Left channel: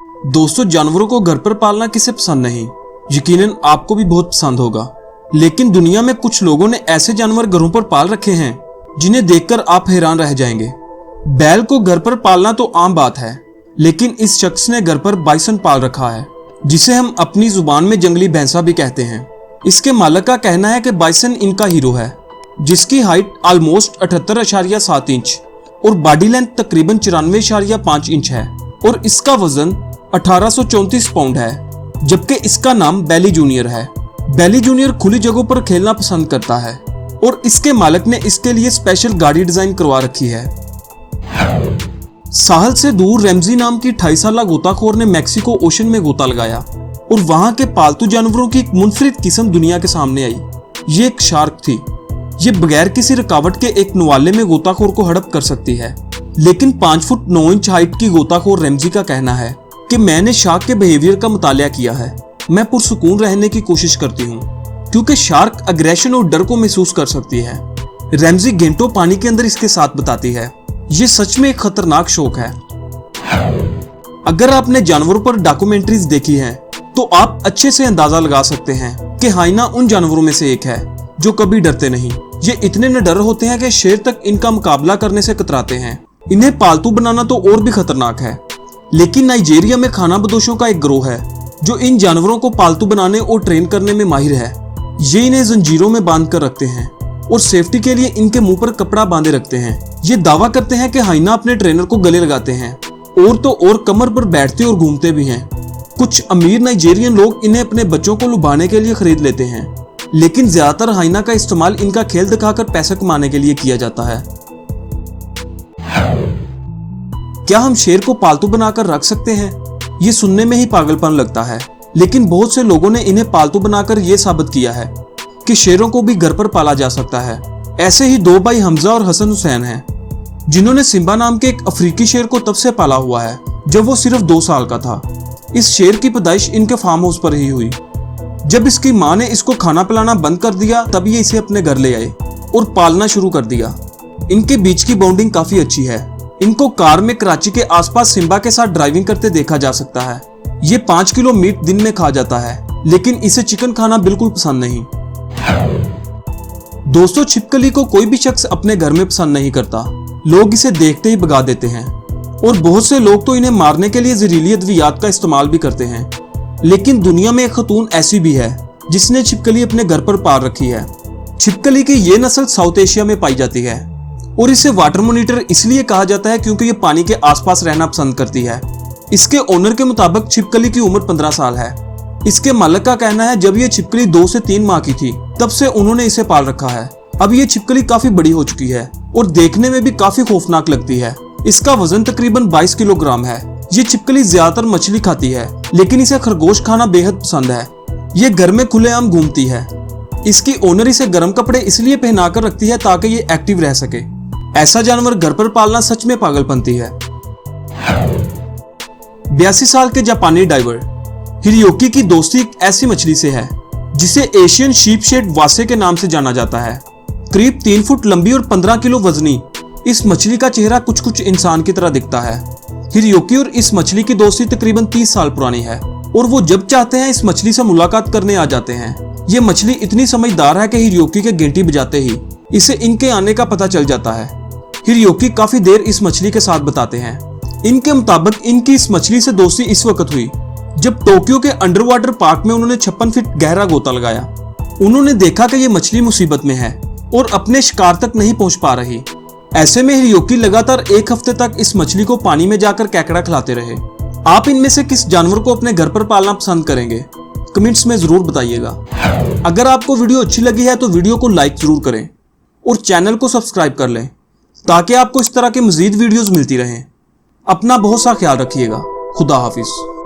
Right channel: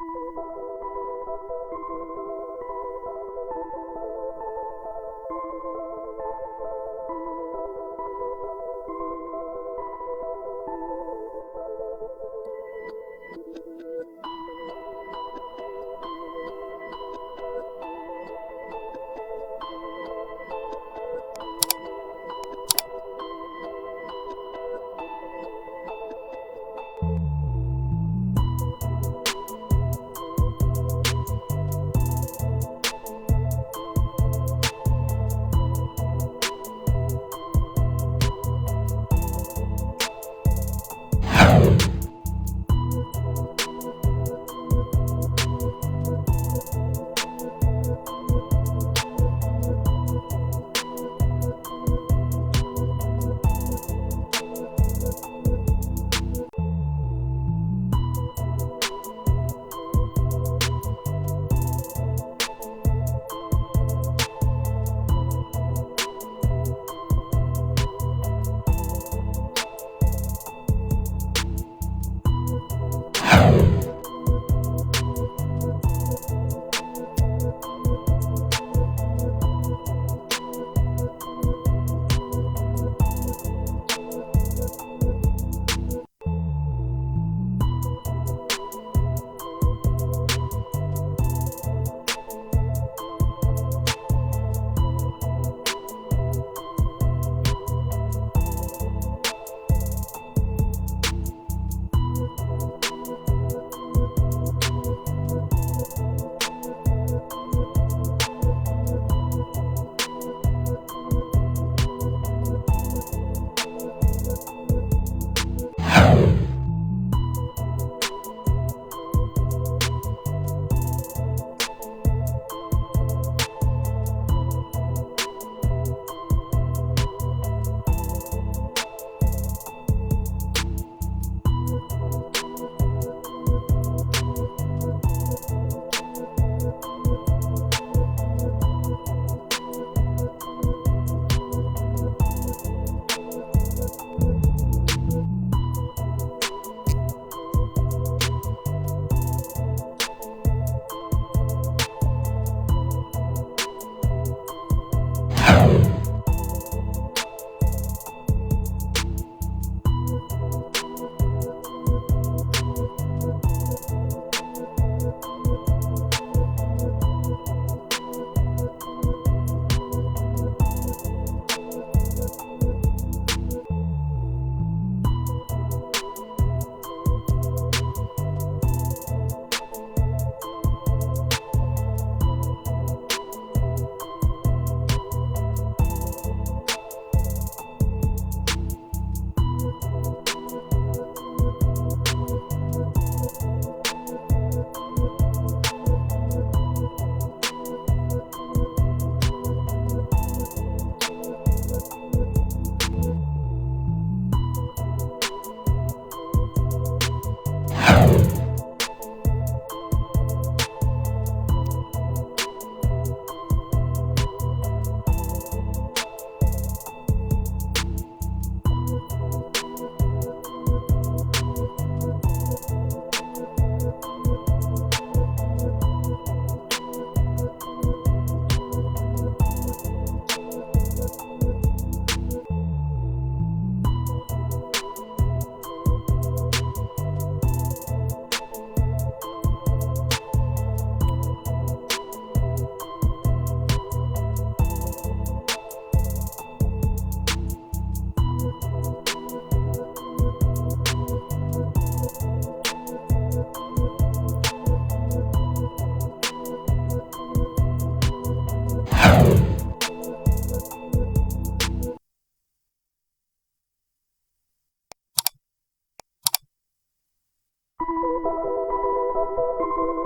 दोस्तों, जानवरों को घर पर पालना किसे पसंद नहीं। यकीनन आपको भी बहुत पसंद होगा। लेकिन दुनिया में कुछ लोगों ने ऐसे जानवर घरों पर पाल रखे हैं जिन्हें देखकर आप हैरान रह जाएंगे। बैल को घर पर पालना तो आम बात है, लेकिन इस शख्स ने घर पर बाइसन पाल रखा है, जिसे हम अपनी जुबान में जंगली भैंसा भी कहते हैं। इसके मालिक का कहना है कि बाइसन इनका हीरो है, जिसकी हाइट ऑलमोस्ट 78.7 इंच और बॉडी लेंथ तकरीबन 94.5 इंच है और इसका वजन 1834 पाउंड है, जबकि इसका नाम बैली जूनियर है। बैली जूनियर खुली जगहों पर खेलना पसंद करता है और इसके मालिक ने इसके लिए स्पेशल गाड़ी डिजाइन करवा रखी है। साहल से दूर रैमजी नाम की 28 साला गोताखोर ने मैक्सिको ओशन में गोता लगाया और वहां के पालतू जानवरों की एक मुनफरिद किस्म दुनिया के सामने आई। ये एक शार्क थी। ये बगैर किसी रुकावट के एक नवाले में गोताखोर को हड़प कर सकती है। लेकिन 5 फुट 9 इंच हाइट की गोताखोर रैमजी का कहना है कि मैंने शार्क के बिहेवियर का मुतालिया किया है। मैं पुरसुकून रहने की कोशिश करती हूँ क्योंकि शार्क अग्रेशन और डर को महसूस कर सकती है। रैमजी घंटों पानी के अंदर इसके साथ बताती है। ये सच में एक खतरनाक शौक है। अगर आपने जानवरों पर डॉक्यूमेंट्रीज देखी हैं, तो आप अच्छे से अंदाजा लगा सकते हैं कि हाइना उन जानवरों में से एक है जो कभी डरते नहीं। ये इतने निडर होते हैं कि शेर तक इनका मुकाबला करने से कतराते हैं। इन्हें पालतू बनाना तो और भी खतरनाक है। लेकिन नाइजीरिया में खानाबदोशों का एक गिरोह है जो इन जानवरों को पालतू बनाने और ट्रेन करने में माहिर है। ये इन्हें जंजीरों में बांध कर रखते हैं और सेफ्टी के लिए इनके मुंह पर कपड़ा बांधे रखते हैं। ये दावा करते हैं कि हाइना अपने ट्रेनर को गले लगाते हैं और तो और कमर पर बैठते और घूमते भी हैं। कुछ अमीर नाइजीरियन लोग इन्हें अपने बच्चों को लुभाने के लिए खरीद लेते हैं, लेकिन ज्यादातर हाइना का इस्तेमाल इनका खेल दिखाकर पैसे कमाने के लिए किया जाता है। क्या हम शेर को पालतू बनाकर रख सकते हैं? ये सुनने में ही पागलपन लगता है, लेकिन बहुत से लोगों ने इन्हें पालतू बनाकर यह साबित किया है कि शेरों को भी घर पर पाला जा सकता है। ऐसे ही 2 भाई हमजा और हसन हुसैन हैं, जिन्होंने सिम्बा नाम के एक अफ्रीकी शेर को तब से पाला हुआ है जब वो सिर्फ 2 साल का था। इस शेर की पैदाइश इनके फार्म हाउस पर ही हुई। जब इसकी माँ ने इसको खाना पिलाना बंद कर दिया, तब ये इसे अपने घर ले आए और पालना शुरू कर दिया। इनके बीच की बॉन्डिंग काफी अच्छी है। इनको कार में कराची के आसपास सिम्बा के साथ ड्राइविंग करते देखा जा सकता है। ये 5 किलो मीट दिन में खा जाता है, लेकिन इसे चिकन खाना बिल्कुल पसंद नहीं। दोस्तों, छिपकली को कोई भी शख्स अपने घर में पसंद नहीं करता। लोग इसे देखते ही भगा देते हैं और बहुत से लोग तो इन्हें मारने के लिए जहरीली अद्वियात का इस्तेमाल भी करते हैं। लेकिन दुनिया में एक खतून ऐसी भी है जिसने छिपकली अपने घर पर पाल रखी है। छिपकली की ये नस्ल साउथ एशिया में पाई जाती है और इसे वाटर मॉनिटर इसलिए कहा जाता है क्योंकि ये पानी के आसपास रहना पसंद करती है। इसके ओनर के मुताबिक छिपकली की उम्र 15 साल है। इसके मालिक का कहना है जब ये छिपकली 2 से 3 माह की थी, तब से उन्होंने इसे पाल रखा है। अब ये छिपकली काफी बड़ी हो चुकी है और देखने में भी काफी खौफनाक लगती है। इसका वजन तकरीबन 22 किलोग्राम है। ये छिपकली ज्यादातर मछली खाती है, लेकिन इसे खरगोश खाना बेहद पसंद है। ये घर में खुलेआम घूमती है। इसकी ओनर इसे गर्म कपड़े इसलिए पहनाकर रखती है ताकि ये एक्टिव रह सके। ऐसा जानवर घर पर पालना सच में पागलपंती है। 82 साल के जापानी डाइवर हिरोकी की दोस्ती एक ऐसी मछली से है जिसे एशियन शीप शेड वासे के नाम से जाना जाता है। करीब 3 फुट लंबी और 15 किलो वजनी इस मछली का चेहरा कुछ इंसान की तरह दिखता है। हिरोकी और इस मछली की दोस्ती तकरीबन 30 साल पुरानी है और वो जब चाहते हैं इस मछली से मुलाकात करने आ जाते हैं। ये मछली इतनी समझदार है कि हिरोकी के घंटी बजाते ही इसे इनके आने का पता चल जाता है। हिरोकी काफी देर इस मछली के साथ बताते हैं। इनके मुताबिक इनकी इस मछली से दोस्ती इस वक्त हुई जब टोक्यो के अंडर वाटर पार्क में उन्होंने 56 फीट गहरा गोता लगाया। उन्होंने देखा कि ये मछली मुसीबत में है और अपने शिकार तक नहीं पहुंच पा रही। ऐसे में हिरोकी लगातार 1 हफ्ते तक इस मछली को पानी में जाकर केकड़ा खिलाते रहे। आप इनमें से किस जानवर को अपने घर पर पालना पसंद करेंगे? कमेंट्स में जरूर बताइएगा। अगर आपको वीडियो अच्छी लगी है तो वीडियो को लाइक जरूर करें और चैनल को सब्सक्राइब कर लें ताकि आपको इस तरह के मजीद वीडियोस मिलती रहें। अपना बहुत सा ख्याल रखिएगा। खुदा हाफिज।